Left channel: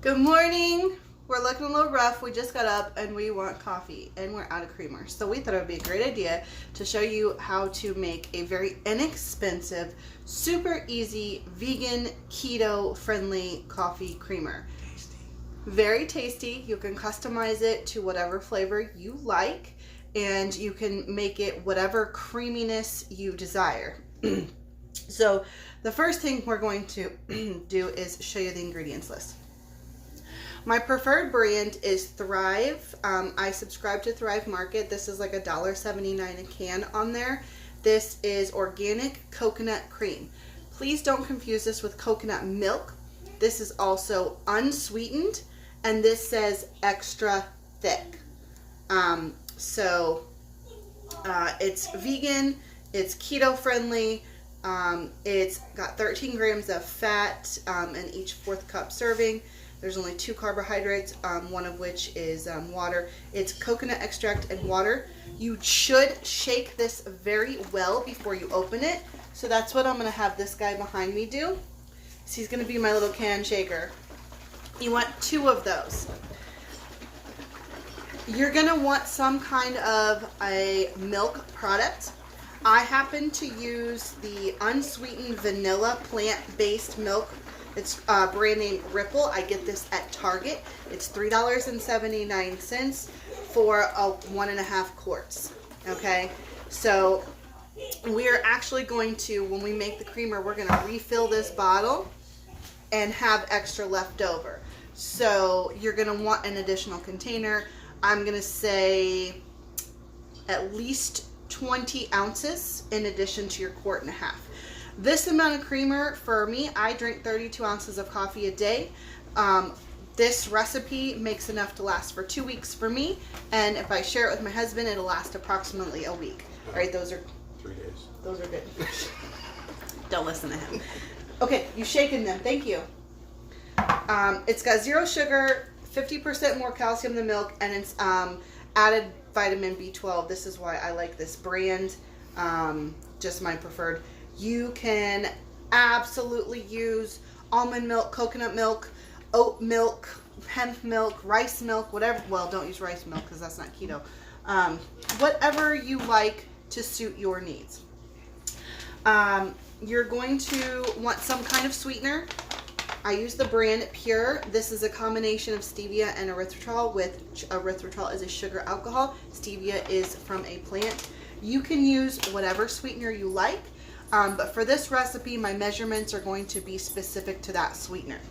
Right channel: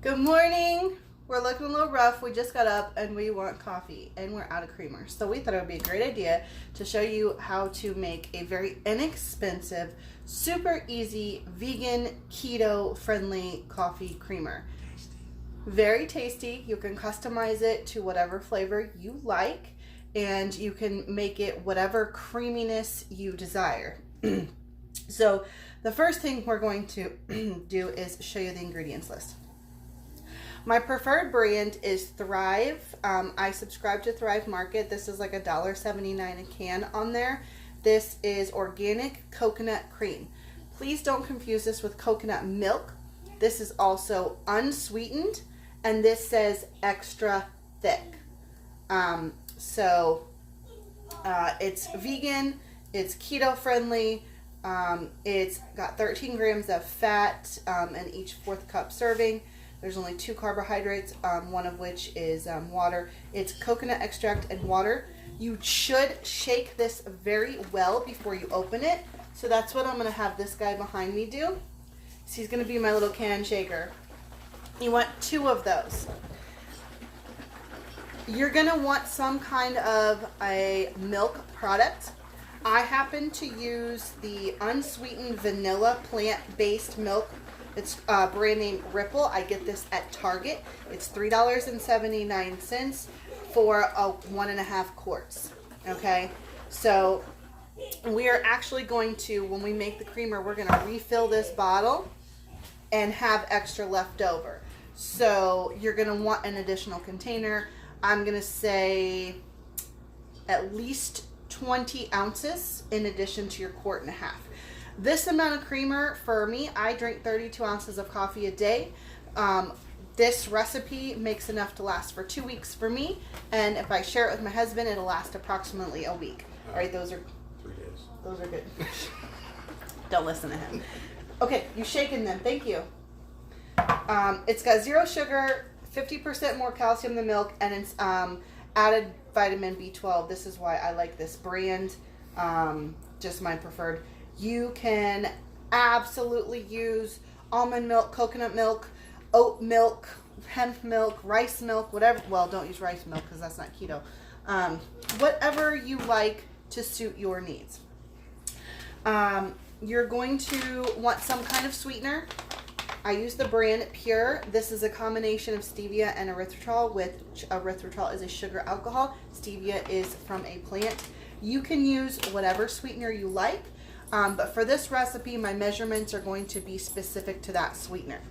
Good morning. We're looking a little rough. We just got up and we want coffee and we're out of creamer. So we thought it would be a great idea to show you how to make a very inexpensive, super easy, vegan, keto friendly coffee creamer. Very tasty. You can customize it to whatever flavor you like and you can make it whatever creaminess you desire. So the first thing we're going to do is show you the ingredients list. My preferred brand is Thrive. I subscribe to Thrive Market. This is like $1.79 a can on there. This is organic coconut cream. Please don't confuse this with coconut milk. This is also unsweetened, and this says extra thick. It's vegan, it's keto friendly, it's got 13 grams of fat in each 4th cup serving. There's only 2 carbohydrates, one of which is water. It's coconut extract and water. You should shake this very well before you open it. So that's what I'm going to have this guy behind me do. So he's going to be my little can shaker. You want 2 of those. You're going to want some kind of a milk product. I happen to use the unsweetened vanilla plant-based milk. It's brand name Ripple. I get this at Target. It's $3.79 for 1.5 quarts. Okay, so we are actually going to, when we make the creamer, we're going to refill this bottle and have extra left over. So you're going to want an additional container. I'm going to say at least 20 ounces in addition to your 1.5 quarts. This amount of creamer, for me, I drink 32 ounces of coffee a day. This recipe makes enough to last for 2 weeks for me, and if I share it with my husband, it'll last approximately a week. All right, those are 3 days. Those are good. Don't listen to him. Okay, you've shaken them. Thank you. It's got 0 sugar, 50% more calcium than milk, and it's added vitamin B12. This is why I like this brand. Just my preferred. You can absolutely use almond milk, coconut milk, oat milk, hemp milk, rice milk, whatever. Well, don't use rice milk because that's not keto. Whatever you like to suit your needs. You're going to want some kind of sweetener. I use the brand Pure. This is a combination of stevia and erythritol, with erythritol is a sugar alcohol. Stevia is from a plant. You can use whatever sweetener you like. But for this recipe, my measurements are going to be specific to that sweetener.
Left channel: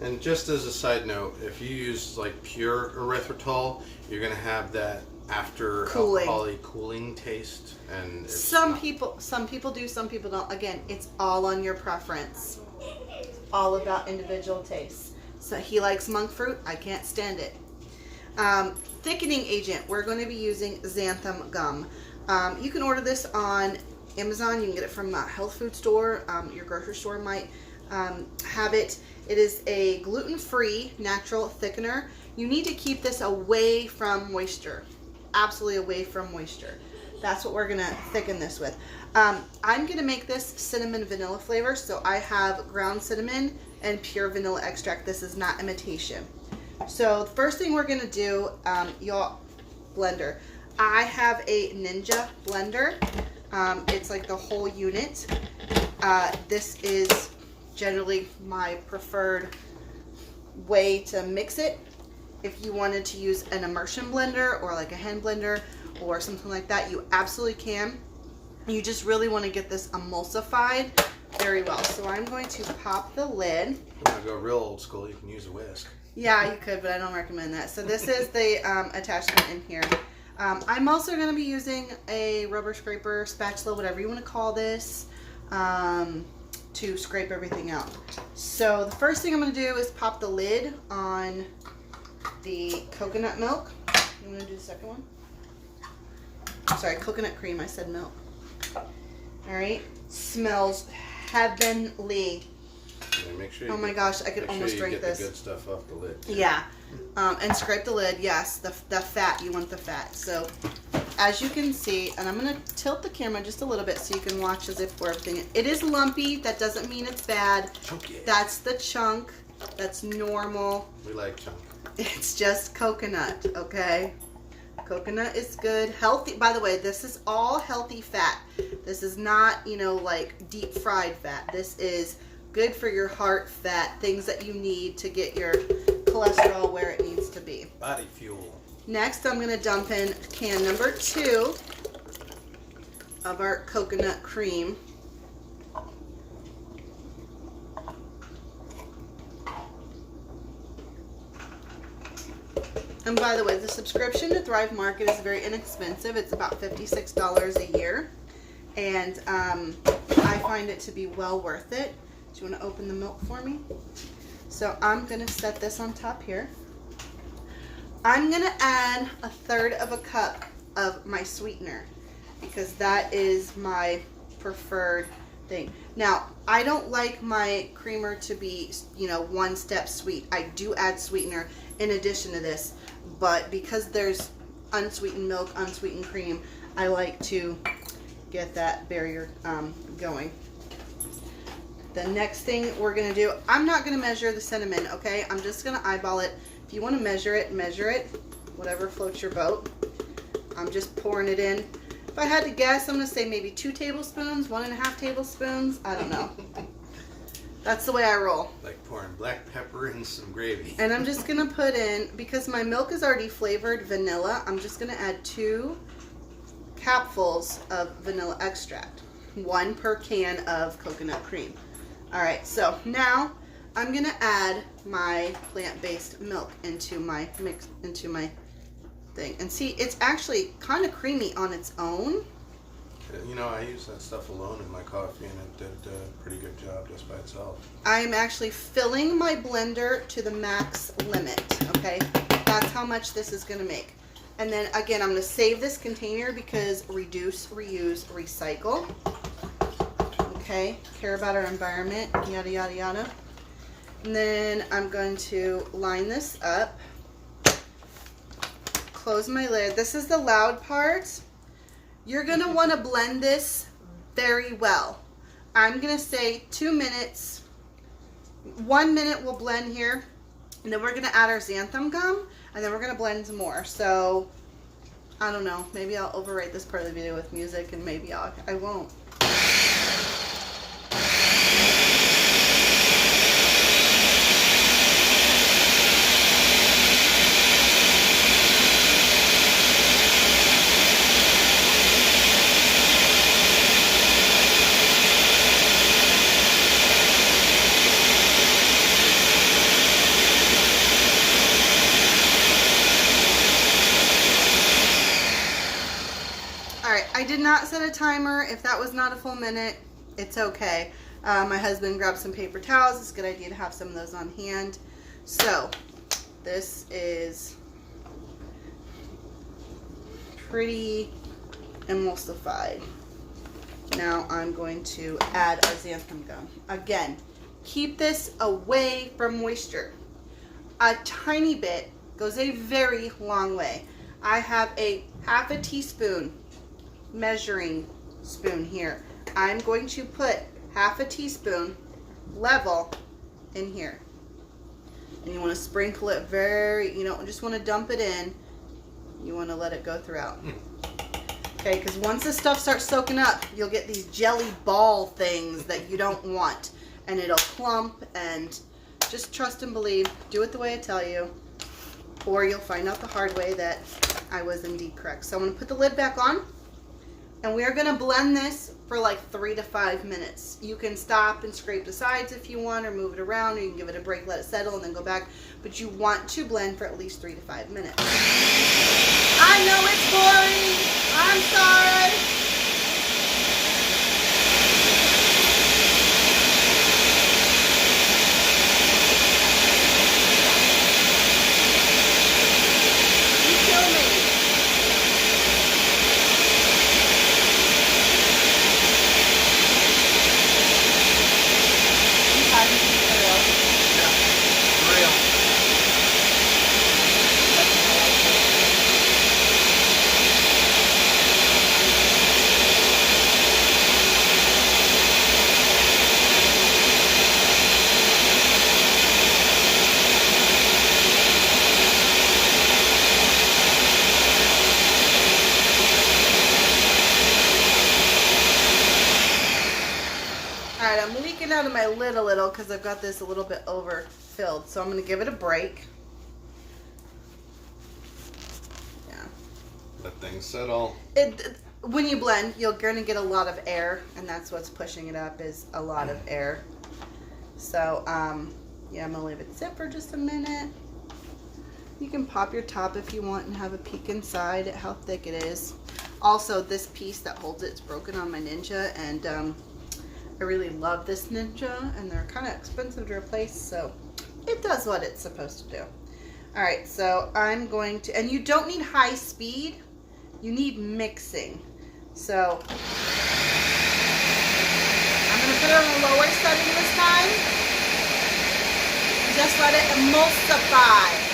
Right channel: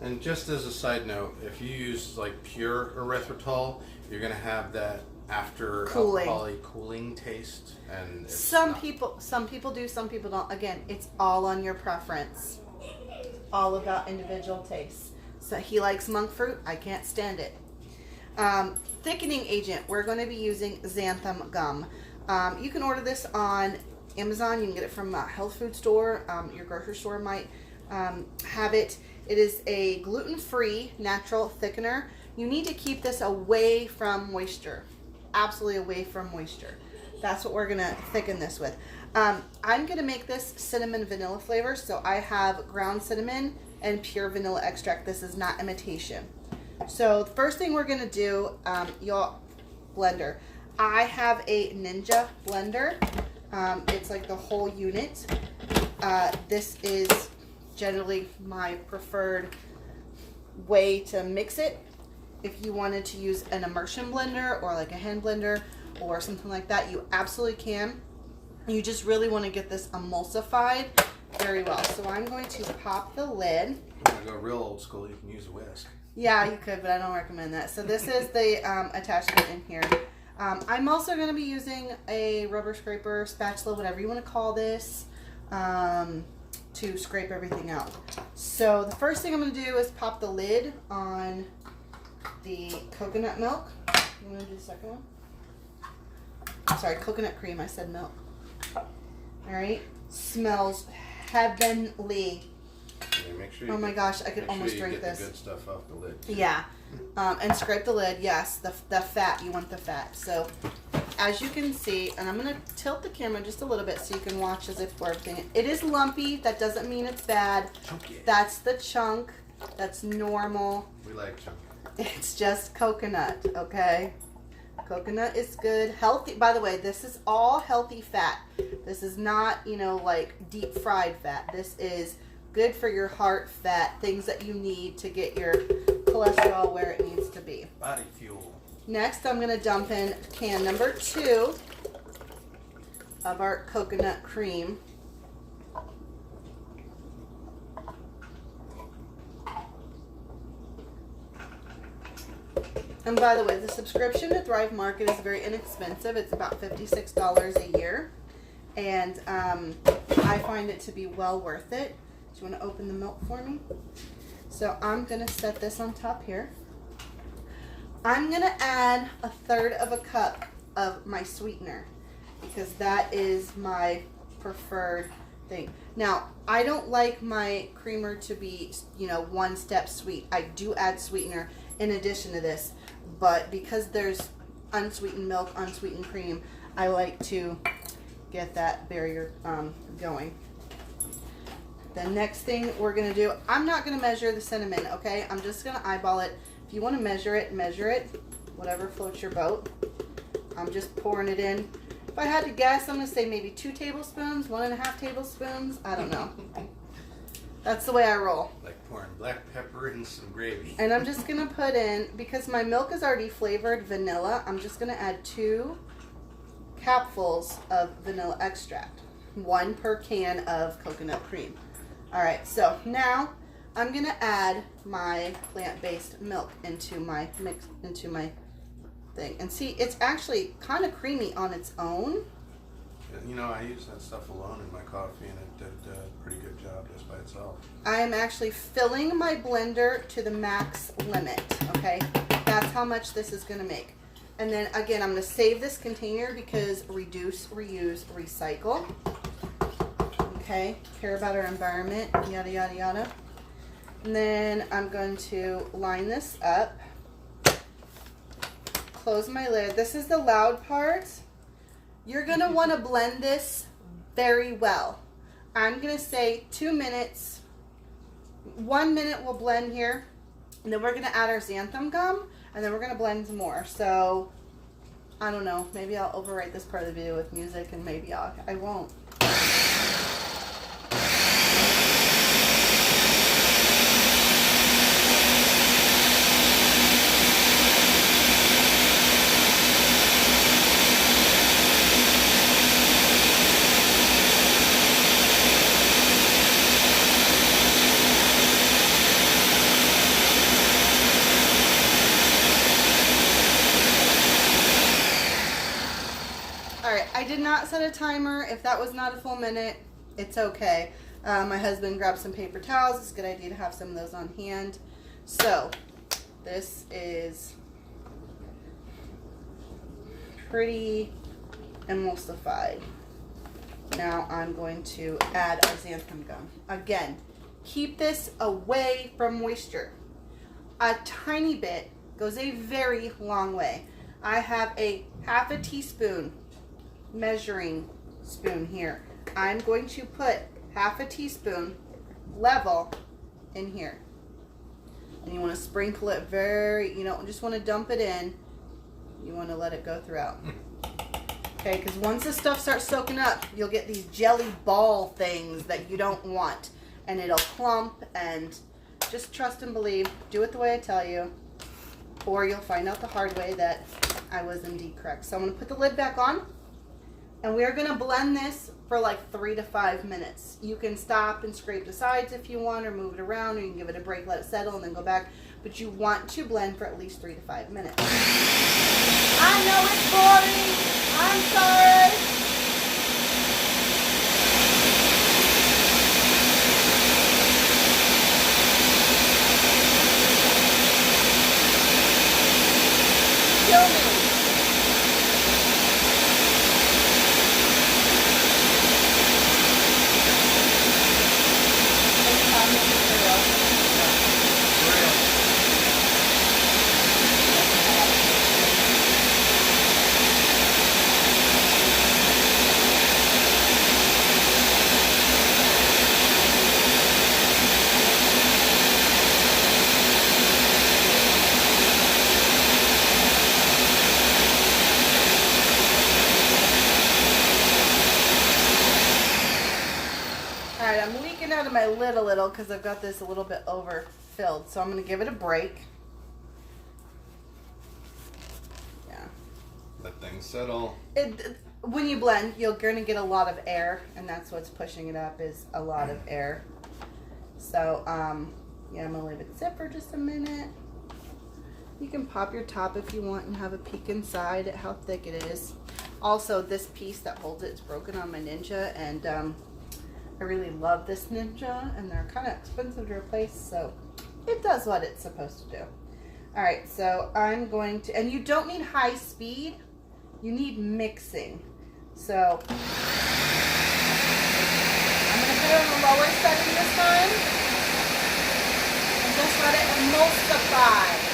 And just as a side note, if you use like pure erythritol, you're going to have that after alcoholic cooling taste. And some people do, some people don't. Again, it's all on your preference. All about individual tastes. So he likes monk fruit. I can't stand it. Thickening agent. We're going to be using xanthan gum. You can order this on Amazon. You can get it from a health food store. Your grocery store might have it. It is a gluten-free natural thickener. You need to keep this away from moisture. Absolutely away from moisture. That's what we're going to thicken this with. I'm going to make this cinnamon vanilla flavor. So I have ground cinnamon and pure vanilla extract. This is not imitation. So the first thing we're going to do, y'all, blender. I have a Ninja blender. It's like the whole unit. This is generally my preferred way to mix it. If you wanted to use an immersion blender or like a hand blender or something like that, you absolutely can. You just really want to get this emulsified very well. So I'm going to pop the lid. If you want to go real old school, you can use a whisk. Yeah, you could, but I don't recommend that. So this is the attachment in here. I'm also going to be using a rubber scraper, spatula, whatever you want to call this, to scrape everything out. So the first thing I'm going to do is pop the lid on the coconut milk. You want to do the second one? Sorry, coconut cream. I said milk. All right. Smells heavenly. Yeah, make sure oh my gosh, I could almost drink this. The good stuff off the lid. Yeah. And scrape the lid. Yes, the fat. You want the fat. So as you can see, and I'm going to tilt the camera just a little bit so you can watch as if for everything. It is lumpy. That doesn't mean it's bad. Chunky. That's the chunk. That's normal. We like chunk. It's just coconut, okay? Coconut is good. Healthy. By the way, this is all healthy fat. This is not, you know, like deep fried fat. This is good for your heart fat, things that you need to get your cholesterol where it needs to be. Body fuel. Next, I'm going to dump in can number 2 of our coconut cream. And by the way, the subscription to Thrive Market is very inexpensive. It's about $56 a year. And I find it to be well worth it. Do you want to open the milk for me? So I'm going to set this on top here. I'm going to add 1/3 of a cup of my sweetener because that is my preferred thing. Now, I don't like my creamer to be, you know, 1 step sweet. I do add sweetener in addition to this, but because there's unsweetened milk, unsweetened cream, I like to get that barrier going. The next thing we're going to do, I'm not going to measure the cinnamon, okay? I'm just going to eyeball it. If you want to measure it, whatever floats your boat. I'm just pouring it in. If I had to guess, I'm going to say maybe 2 tablespoons, 1.5 tablespoons. I don't know. That's the way I roll. Like pouring black pepper in some gravy. And I'm just going to put in, because my milk is already flavored vanilla, I'm just going to add 2 capfuls of vanilla extract. 1 per can of coconut cream. All right, so now I'm going to add my plant-based milk into my mix, into my thing. And see, it's actually kind of creamy on its own. You know, I use that stuff alone in my coffee, and it did a pretty good job just by itself. I am actually filling my blender to the max limit, okay? That's how much this is going to make. And then, again, I'm going to save this container because reduce, reuse, recycle. Okay, care about our environment, yada, yada, yada. And then I'm going to line this up. Close my lid. This is the loud part. You're going to want to blend this very well. I'm going to say 2 minutes. 1 minute we'll blend here. And then we're going to add our xanthan gum. And then we're going to blend some more. So, I don't know. Maybe I'll overwrite this part of the video with music. And maybe I won't. I did not set a timer. If that was not a full minute, it's okay. My husband grabbed some paper towels. It's a good idea to have some of those on hand. So, this is pretty emulsified. Now I'm going to add our xanthan gum. Again, keep this away from moisture. A tiny bit goes a very long way. I have a 1/2 teaspoon measuring spoon here. I'm going to put 1/2 teaspoon level in here. And you want to sprinkle it very, you don't just want to dump it in. You want to let it go throughout. Okay, because once this stuff starts soaking up, you'll get these jelly ball things that you don't want. And it'll clump, and just trust and believe. Do it the way I tell you. Or you'll find out the hard way that I was indeed correct. So I'm going to put the lid back on. And we're going to blend this for like 3 to 5 minutes. You can stop and scrape the sides if you want, or move it around, or you can give it a break, let it settle, and then go back. But you want to blend for at least 3 to 5 minutes. I know it's boring. I'm sorry. You kill me. leaking out of my lid a little because I've got this a little bit overfilled. So I'm going to give it a break. Yeah. Let things settle. When you blend, you're going to get a lot of air, and that's what's pushing it up is a lot of air. So, yeah, I'm going to leave it sit for just a minute. You can pop your top if you want and have a peek inside at how thick it is. Also, this piece that holds it is broken on my Ninja, and I really love this Ninja, and they're kind of expensive to replace, so it does what it's supposed to do. All right, so I'm going to, and you don't need high speed, you need mixing. So I'm going to put it on the lower setting this time, and just let it emulsify.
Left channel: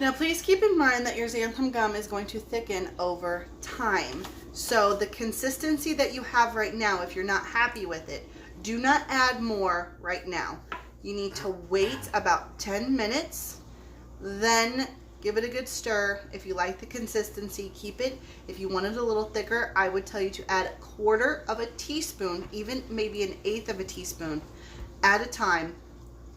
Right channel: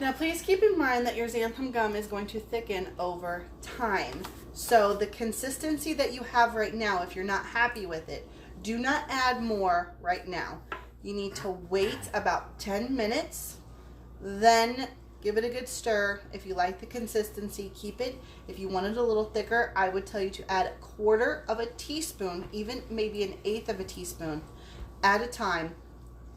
Now please keep in mind that your xanthan gum is going to thicken over time. So the consistency that you have right now, if you're not happy with it, do not add more right now. You need to wait about 10 minutes, then give it a good stir. If you like the consistency, keep it. If you want it a little thicker, I would tell you to add 1/4 of a teaspoon, even maybe 1/8 of a teaspoon at a time.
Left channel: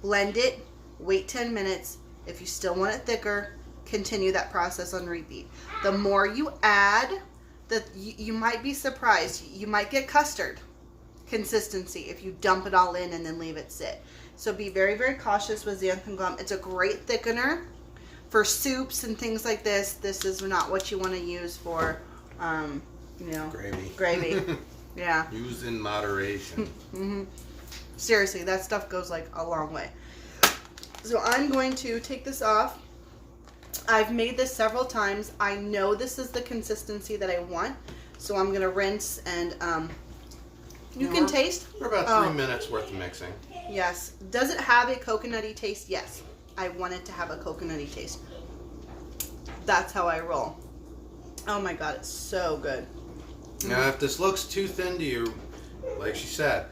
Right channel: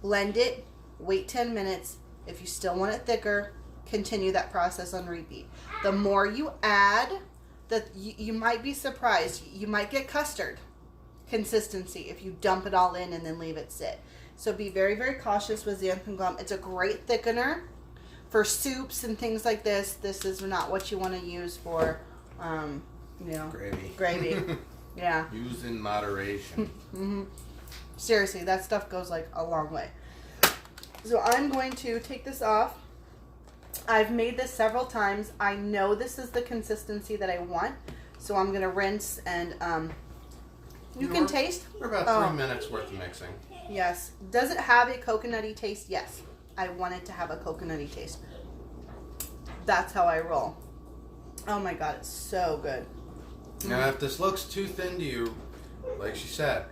Blend it, wait 10 minutes. If you still want it thicker, continue that process on repeat. The more you add, you might be surprised. You might get custard consistency if you dump it all in and then leave it sit. So be very, very cautious with xanthan gum. It's a great thickener for soups and things like this. This is not what you want to use for, you know, gravy. Yeah. Used in moderation. Mm-hmm. Seriously, that stuff goes like a long way. So I'm going to take this off. I've made this several times. I know this is the consistency that I want. So I'm going to rinse and you can taste. We're about 3 minutes worth of mixing. Yes. Does it have a coconutty taste? Yes. I want it to have a coconutty taste. That's how I roll. Oh my God, it's so good. Now if this looks too thin to you, like she said,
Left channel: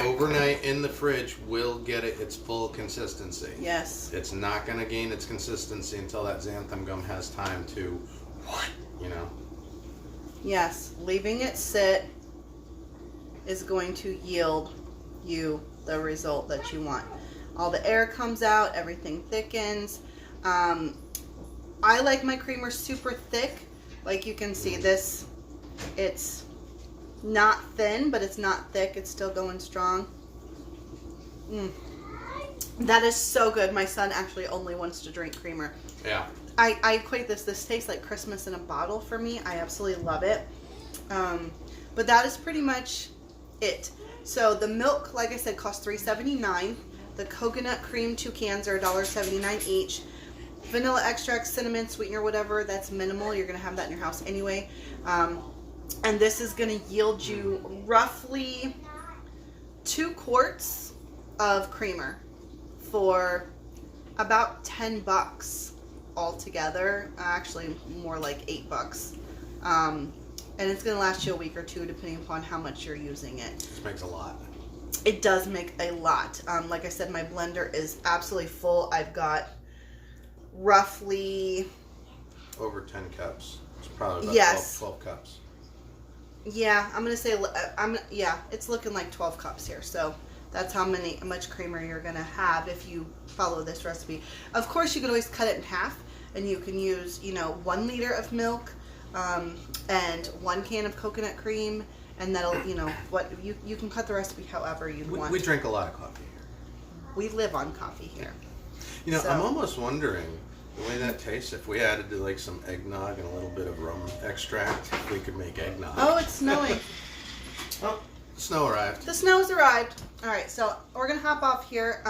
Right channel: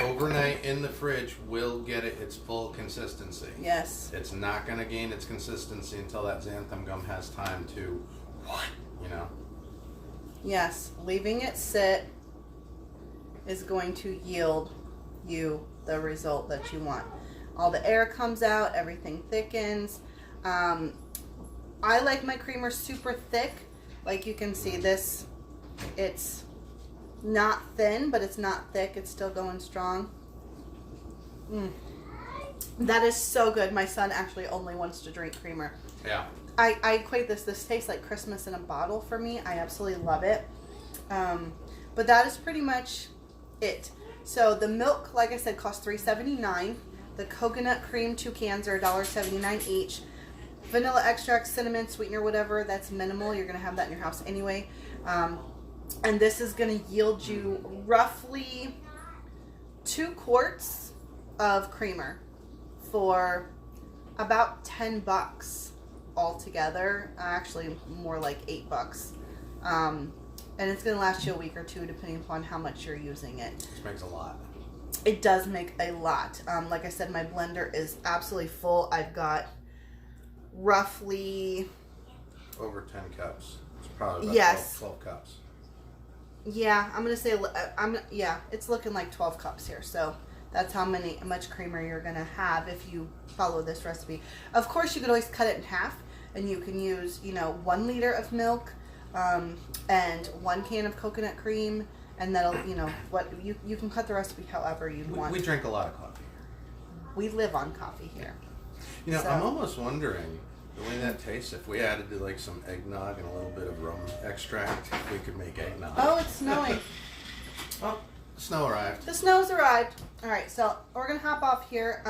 overnight in the fridge will get it its full consistency. Yes. It's not going to gain its consistency until that xanthan gum has time to, you know. Yes. Leaving it sit is going to yield you the result that you want. All the air comes out, everything thickens. I like my creamer super thick. Like you can see this, it's not thin, but it's not thick. It's still going strong. That is so good. My son actually only wants to drink creamer. Yeah. I equate this tastes like Christmas in a bottle for me. I absolutely love it. But that is pretty much it. So the milk, like I said, costs $3.79. The coconut cream, 2 cans are $1.79 each. Vanilla extract, cinnamon, sweetener, whatever, that's minimal. You're going to have that in your house anyway. And this is going to yield you roughly 2 quarts of creamer for about $10 altogether. Actually, more like $8. And it's going to last you a week or two depending upon how much you're using it. This makes a lot. It does make a lot. Like I said, my blender is absolutely full. I've got roughly over 10 cups. It's probably about 12 cups. Yeah, I'm gonna say it's looking like 12 cups here. So that's how much creamer you're gonna have if you follow this recipe. Of course, you could always cut it in half, and you can use 1 liter of milk and 1 can of coconut cream, and that'll you can cut the recipe however you want. We drink a lot of coffee here. We live on coffee here. So, I'm almost wondering the way that tastes, if we added like some eggnog and a little bit of rum extract, if we could make eggnog. Oh, it's snowing. Oh, the snow arrived. The snow's arrived. All right, so we're going to hop off here.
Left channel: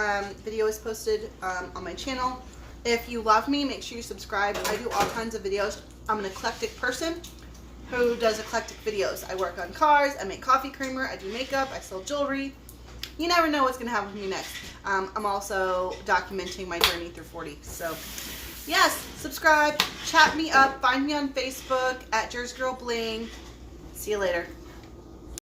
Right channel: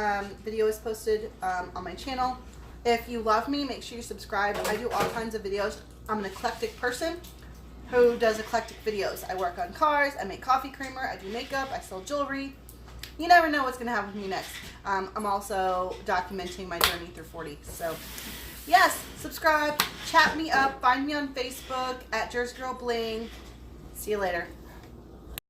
Video is posted on my channel. If you love me, make sure you subscribe. I do all kinds of videos. I'm an eclectic person who does eclectic videos. I work on cars, I make coffee creamer, I do makeup, I sell jewelry. You never know what's going to happen with me next. I'm also documenting my journey through 40. So, yes, subscribe, chat me up, find me on Facebook at Jersey Girl Bling. See you later.